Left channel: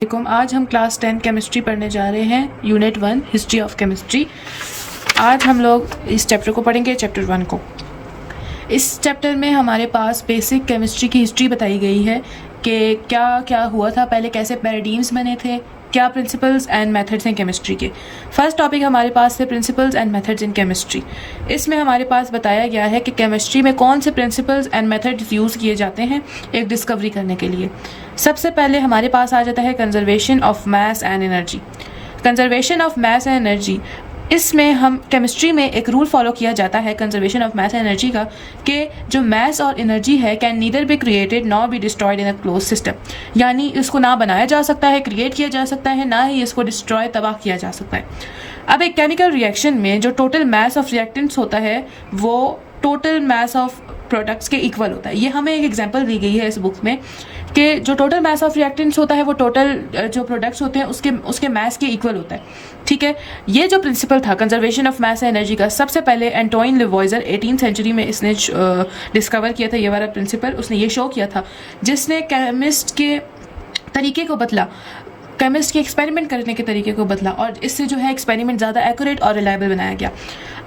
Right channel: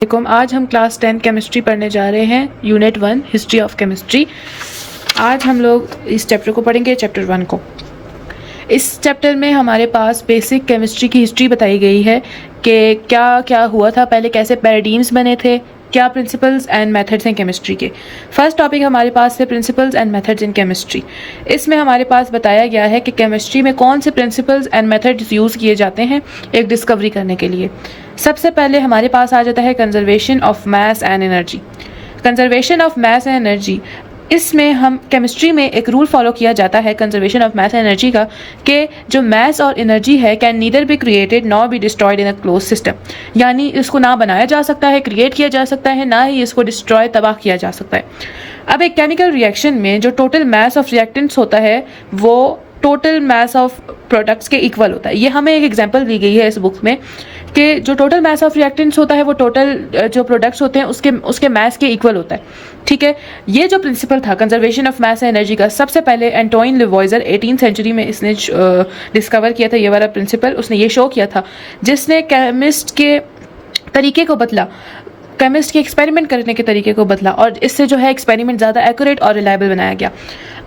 आज हम class 10 chemistry पढ़ने जा रहे हैं, यूनिट 1 हिस्ट्री ऑफ केमिस्ट्री। आज हम लोग इस चैप्टर को पढ़ेंगे, चैप्टर 1 को। इस चैप्टर में हमारे पास बेसिक केमिस्ट्री की हिस्ट्री बताई गई है कि क्या क्या हुआ था पहले, कैसे पैराडाइम्स बने थे, क्या प्रिंसिपल्स एंड मेथड्स हैं केमिस्ट्री के। फर्स्ट टॉपिक हमारे पास है principles and methods in chemistry. इसमें हमारे पास बताया गया है कि केमिस्ट्री में कौन से प्रिंसिपल्स एंड मेथड्स यूज़ किए जाते हैं एक डिस्कवरी करने के लिए। सबसे पहले हमारे पास आ जाता है conservation of mass and energy. Conservation of mass and energy, इसमें हम केमिस्ट्री में एक रूल फॉलो किया जाता है conservation of mass and energy का, कि जो मास और एनर्जी है can neither be created nor be destroyed in a close system. यानी इसको ना बनाया जा सकता है, क्रिएट किया जा सकता है, ना ही इसको डिस्ट्रॉय तबाह किया जा सकता है। अब एक केमिकल रिएक्शन में जो टोटल मास ऑफ रिएक्टेंट्स होता है वो टोटल मास ऑफ प्रोडक्ट्स के इक्वल होता है। ये हमें एक एग्जांपल दी गई है इस बुक में कि जो टोटल मास ऑफ रिएक्टेंट्स होता है वो टोटल जो प्रोडक्ट्स होते हैं उसके मास के इक्वल होता है। ठीक है, ये जो प्रिंसिपल था conservation of mass and energy का, सबसे पहले एंटोइन लेवॉइजर 18th सेंचुरी में इसने डिस्कवर किया था। ये वाला प्रिंसिपल उसने ये शो किया था, जिसने केमिस्ट के तरीके को बदला, केमिस्ट के एक्सपेरिमेंट करने के तरीके को बदला, और इससे जो है एक्सपेरिमेंट ज़्यादा एक्यूरेट और रिलायबल बनाया गया।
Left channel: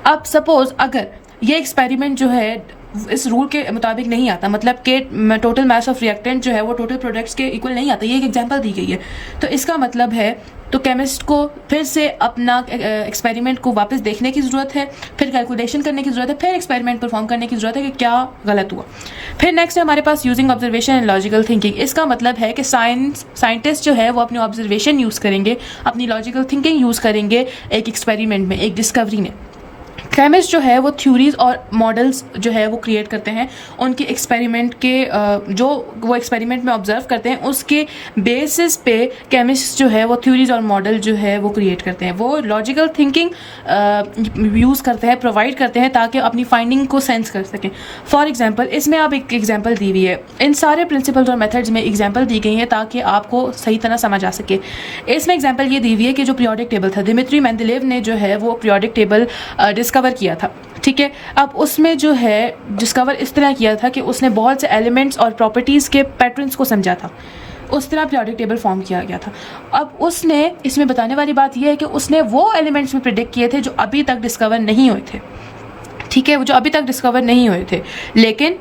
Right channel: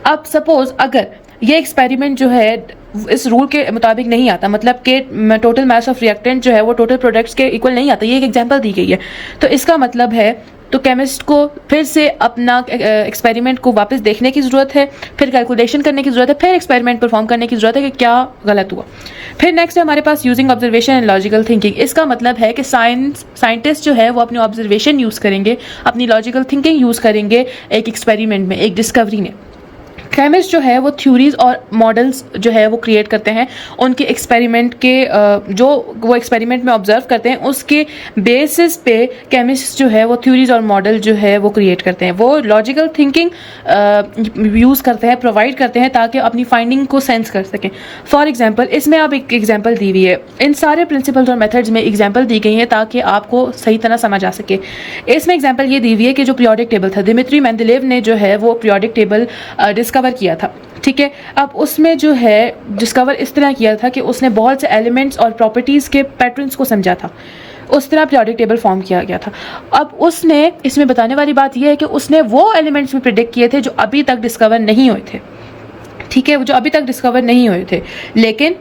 अब सपोज अगर ये एक्सपेरिमेंट जो है इस रूल के मुताबिक नहीं आता, मतलब कि टोटल मास ऑफ रिएक्टेंट जो है वो टोटल प्रोडक्ट्स के इक्वल नहीं आता, ये एक एग्जांपल दी गई है, तो इसका मतलब है तो केमिस्ट को फिर से अपना एक्सपेरिमेंट को वापस देखने की ज़रूरत है, फिर कैलकुलेशन करने की ज़रूरत है, फिर एक्सपेरिमेंट परफॉर्म करने की ज़रूरत है कि क्या गलत हुआ। फिर नेक्स्ट है हमारे पास using observation and logical thinking. इसका मतलब है कि साइंटिस्ट जो है वो अपनी ऑब्जर्वेशन यूज़ करेंगे, अपनी लॉजिकल थिंकिंग यूज़ करेंगे एक एक्सपेरिमेंट में, एक डिस्कवरी में। केमिस्ट जो है वो थ्योरीज और मॉडल्स जो है वो क्रिएट करते हैं, उनके एक्सपेरिमेंट के जो वो एक्सपेरिमेंट में ऑब्जर्व करते हैं उसके बेसिस पे केमिस्ट जो है वो थ्योरीज और मॉडल जो है वो क्रिएट करते हैं। वो लॉजिकल थिंकिंग यूज़ करते हैं, प्रोवाइड करते हैं ताकि अपनी फाइंडिंग को सेंस कर सकें। फॉर एग्जांपल इसमें आप एक एग्जांपल दी हुई है, इन सारे प्रिंसिपल्स और मेथड्स में एग्जांपल दी गई हैं ताकि आपको सही तरह समझ आ सके। इसमें एग्जांपल ये दी हुई है कि जो पीरियोडिक टेबल था, दिमित्री मेंडेलेव ने जो है वो पीरियोडिक टेबल डिस्कवर किया था। ठीक है, अब उसमें जो है डिस्कवर इस तरह किया था कि उसने बहुत से एलिमेंट्स और प्रॉपर्टीज के पैटर्न्स को समझा था, उस तरह पीरियोडिक टेबल फॉर्म किया गया था। अब उसने इसमें बताने वाली बात यह है कि उसने वो एलिमेंट्स भी प्रिडिक्ट किए थे जो अभी तक डिस्कवर नहीं हुए थे। ठीक है, जो अभी तक डिस्कवर नहीं हुए थे, लेकिन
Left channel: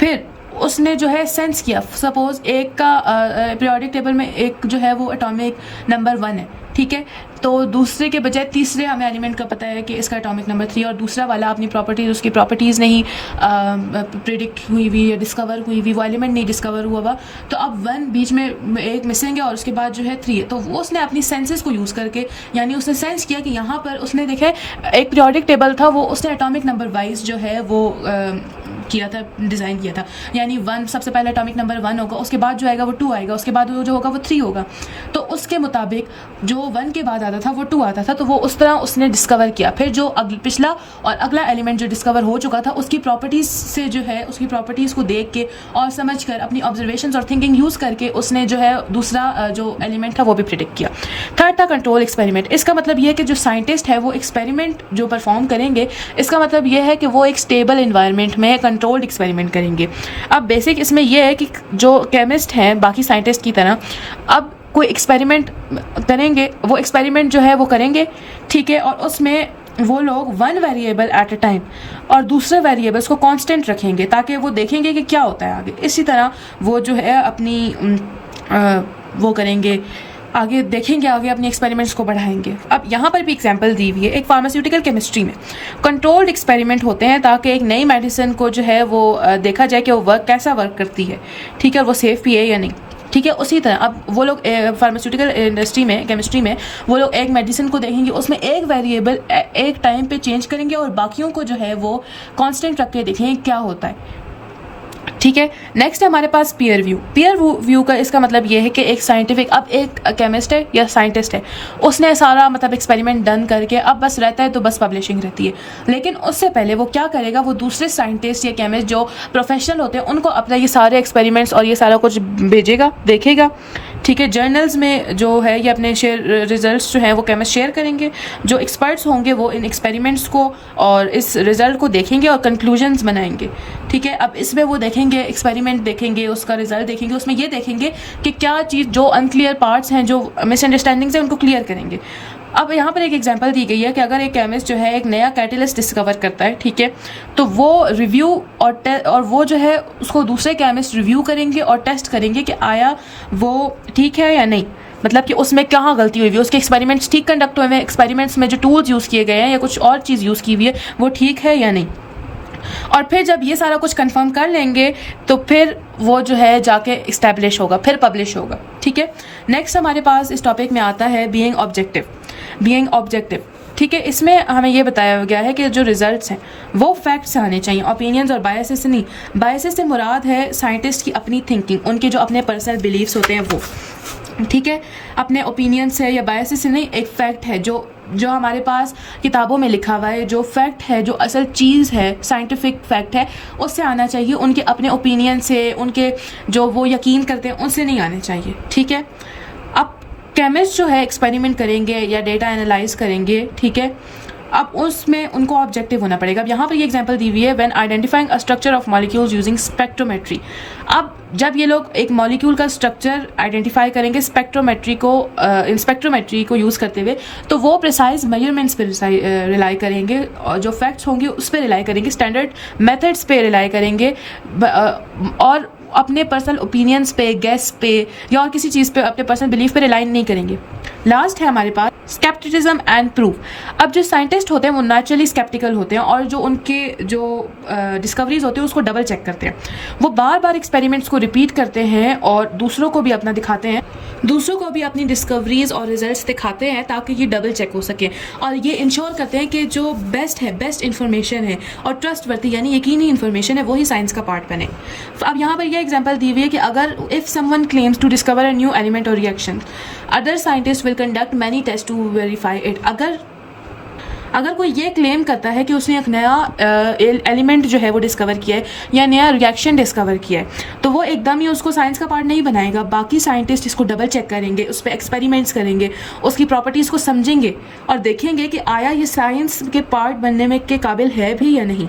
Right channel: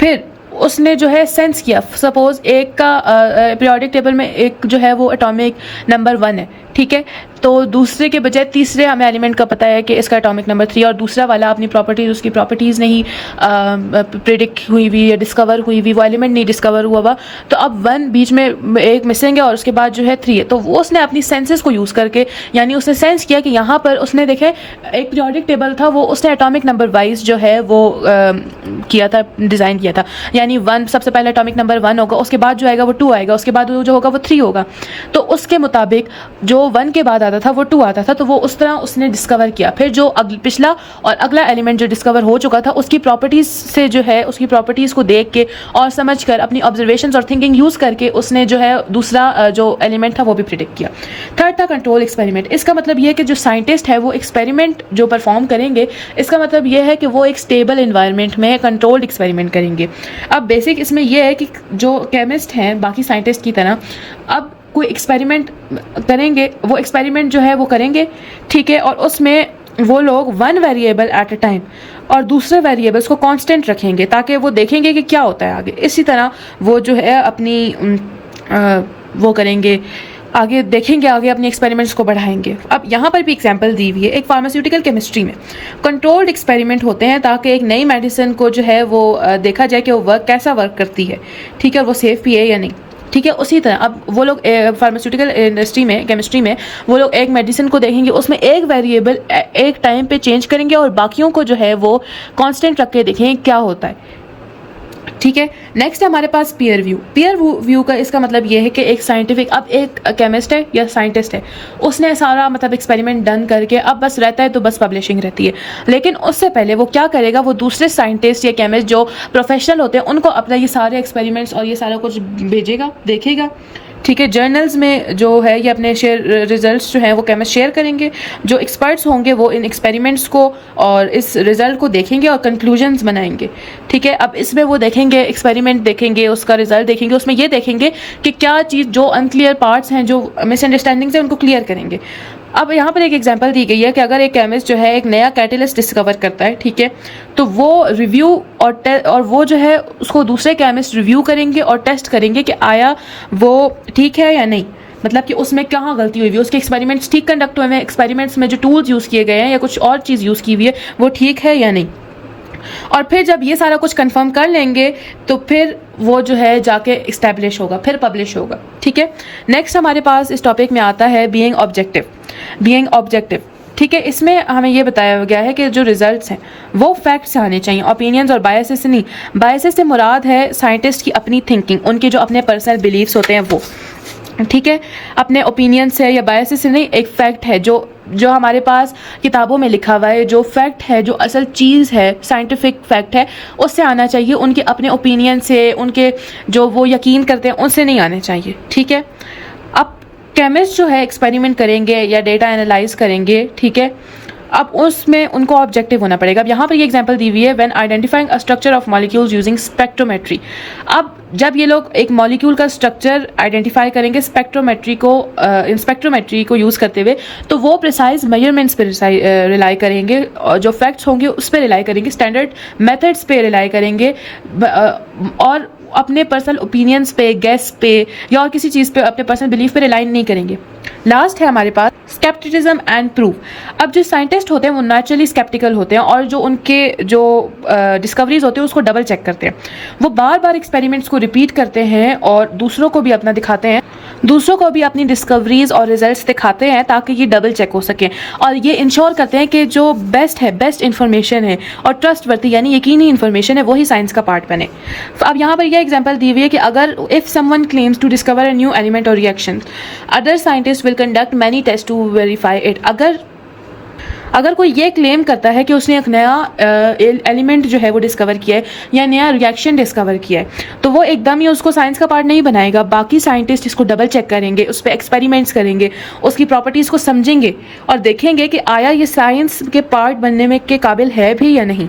फिर उसने जो है सेंस किया। सपोज एक का पीरियोडिक टेबल में एक जो है वो एटॉमिक नंबर 1 है, ठीक है, तो दूसरे के बजाय तीसरे हमें एलिमेंट का पता है कि इसका एटॉमिक नंबर 3, और दूसरा वाला अपनी प्रॉपर्टीज, उसकी प्रॉपर्टीज़ नहीं प्रिडिक्ट हुई हुई या डिस्कवर हुई हुई, वो एलिमेंट नहीं डिस्कवर हुआ हुआ, तो अब 1 बीच में एक मिसिंग है और उसके बाद जो है 3 है। तो वो उसने अपनी सेंसेस को यूज़ करके, यानी उसने सेंस किया कि यहाँ पर उसने देखें एक पीरियोडिक टेबल था, वो उसने एटॉमिक नंबर वाइज जो है वो किया था, डिज़ाइन किया था। यानी 1 सबसे पहले एटॉमिक नंबर 1 होगा, उसके बाद जो आएगा वो 2 आएगा, उसके बाद जो होगा वो 3 होगा। तो उसके मुताबिक जो 1 के बाद आता था वो 2 आता था, तो वो उस तरह उसने डिस्कवर किया। फिर जो पिछला और अगला एलिमेंट जो डिस्कवर हो चुका था उसकी प्रॉपर्टीज़ से जो है उसकी प्रॉपर्टीज़ को देख के और समझ कर अपनी ऑब्जर्वेशंस और थिंकिंग यूज़ करके उसने जो है दूसरा जो एलिमेंट था वो भी प्रिडिक्ट किया। थर्ड था कंट्रोल एक्सपेरिमेंट। इसका मतलब ये है कि जो साइंटिस्ट है वो एक्सपेरिमेंट जो परफॉर्म करेंगे, इसका मतलब ये है कि वो एक स्टेबल इन्वायरमेंट में कंट्रोल्ड एक्सपेरिमेंट करेंगे। अब बेसिक इसमें यह है कि जो केमिस्ट हैं बाकी साइंटिस्ट की तरह, अब कोई एक्सपेरिमेंट करेंगे, वो एक्सपेरिमेंट जो है वो करेंगे, ठीक है, और उसमें वो लोग 1 वेरिएबल एट अ टाइम और दूसरे वेरिएबल्स को कांस्टेंट रखेंगे ताकि वो देखेंगे कि क्या होता है आगे। इसी तरह वो जो है अपनी वो करेंगे, आगे देखेंगे, आगे अपने एक्सपेरिमेंट्स को बढ़ाएंगे। अब यहाँ पर भी एग्जांपल दी हुई है एक फार्मास्यूटिकल केमिस्ट्री में कंट्रोल्ड एक्सपेरिमेंट होते हैं ताकि एक नई मेडिसिन को जो है वो देखा जाए कि वो कैसा वर्क करती है, ठीक है, वो सेफ भी है या नहीं। ठीक है, उसी तरह अब वो लोग फार्मास्यूटिकल इंडस्ट्री में, केमिस्ट्री में वो लोग एक मेडिसिन को देखेंगे, उसमें एक वेरिएबल एक टाइम पे चेंज करेंगे और बाकियों को जो है वो कांस्टेंट रख के देखेंगे क्या होता है। ठीक है, नेक्स्ट है हमारे पास पीयर व्यू। पीयर व्यू का इसका मतलब ये है कि एक साइंटिफिक, अब एक केमिस्ट है या साइंटिस्ट है, उसने सारा मतलब एक्सपेरिमेंट डन करके अब बस रहता है तो बस पब्लिशिंग रहती है, लेकिन उससे पहले वो क्या करेगा, वो दूसरे साइंटिस्ट या केमिस्ट जो प्रोफेशनल होते हैं उनको अपने ये सारे एक्सपेरिमेंट्स और ये सारा कुछ भेजेगा, देखेगा, ठीक है। जर्नल्स में जो है ये अपने रिजल्ट्स जो है वो केमिस्ट शेयर करेंगे। जो एक्सपर्ट्स होंगे वो इन एक्सपेरिमेंट्स को और इस रिजल्ट को देखेंगे और कंक्लूजन्स बनाएंगे। ठीक है। अब इसमें वो देखेंगे, एक्सपेरिमेंट देखेंगे, उसका रिजल्ट देखेंगे, उसमें ये देखेंगे कि क्या चीज़ जो अनक्लियर पार्ट्स हैं, जो मिसअंडरस्टैंडिंग्स हैं, उनको क्लियर करेंगे। अब यहाँ पर एक एग्जांपल दी गई है कि अगर एक केमिस्ट जो है एक नया कैटेलिस्ट डिस्कवर करता है, ठीक है, तो वो रिव्यू और वो जो है उसको दूसरे केमिस्ट रिव्यू करेंगे और टेस्ट करेंगे कि आया वो ठीक है या नहीं, मतलब कि उसमें कहाँ गलती हुई है, उसके एक्सपेरिमेंट्स ठीक कंडक्ट हुए हैं, एक्सपेरिमेंट्स में जो टूल्स यूज़ किए गए हैं या कुछ और चीज़ यूज़ की हुई है वो ठीक है या नहीं। और फिर जब ये सारा कुछ कंफर्म कर लेंगे तो फिर वो जो है जाके इस्टेब्लिश होगा, फिर पब्लिश होगा। ठीक है। नेक्स्ट हमारे पास इस टॉपिक में आता है बीइंग ऑब्जेक्टिव। ठीक है। इसमें हमें ये बताया गया है कि जो रिजल्ट्स हैं वो फैक्ट्स आने चाहिए, ओपिनियंस और बायसेस से नहीं। बायसेस से मुराद है साइंटिस्ट की अपनी थिंकिंग, उनके जो अपने पर्सनल बिलीव्स होते हैं वो। ठीक है। अपने ओपिनियन से या बायसेस से नहीं, एक फैक्ट है जो हमारे पास किताबों में लिखा हुआ है, जो फैक्ट है, जो असल चीज़ है, साइंटिफिक फैक्ट है, उससे आना चाहिए। उनके अपने ओपिनियन से, उनके जो वो यकीन करते हैं उनसे नहीं आने चाहिए। ठीक है। अब केमिस्ट जो है एक्सपेरिमेंट करेंगे या डेटा एनालाइज करेंगे, ठीक है, अब उसमें उनको ऑब्जेक्टिव होना पड़ेगा। अब यहाँ पर ये एग्जांपल दी हुई है, when identifying a structure of molecules using spectrometry. अब जब ये लोग एक मॉलिक्यूल का स्ट्रक्चर आइडेंटिफाई करेंगे स्पेक्ट्रोमेट्री को यूज़ करते हुए, तो वो प्रिसाइज मेजरमेंट्स पे रिलाई करेंगे और जो फैक्ट्स होंगे उस पर रिलाई करेंगे, स्टैंडर्ड मेथड्स पे रिलाई करेंगे और अपने पर्सनल ओपिनियंस पे, गेस पे या और किसी चीज़ पे, अपने पर्सनल बिलीफ पे रिलाई नहीं करेंगे। लास्ट है हमारे पास स्केप्टिसिज्म एंड प्रूफ। अब जो साइंटिस्ट होते हैं वो नेचुरली स्केप्टिकल होते हैं और जो उनके जो डिस्कवरीज होती है उसको डबल चेक करते हैं। वो बार बार एक्सपेरिमेंट्स को रिपीट करते हैं और दूसरों को भी अपना दिखाते हैं, दूसरों को भी अपनी डिस्कवरीज और रिजल्ट्स दिखाते हैं ताकि ये डबल चेक हो सके और ये इंश्योर करते हैं कि जो बेस्ट इन्फॉर्मेशन है और ट्रस्टवर्दी यानी यकीनी इन्फॉर्मेशन है वही साइंस का पार्ट बने। अब यहाँ पर यह एग्जाम्पल दी हुई है कि अगर if someone claims to discover a new element और reaction, other scientist will conduct many test to verify it. अगर कोई ये क्लेम करता है कि उसने एक नया एलिमेंट जो है वो डिस्कवर किया है या नया रिएक्शन डिस्कवर किया है, तो वो एकदम ही उसको साइंस का पार्ट नहीं बनाएगा। बाकी साइंटिस्ट इसको डबल चेक करेंगे, उस पर एक्सपेरिमेंट्स करेंगे, उसकी प्रॉपर्टीज़ को समझेंगे और देखेंगे कि आया ये साइंस के पार्ट बनने में के काबिल है भी या नहीं।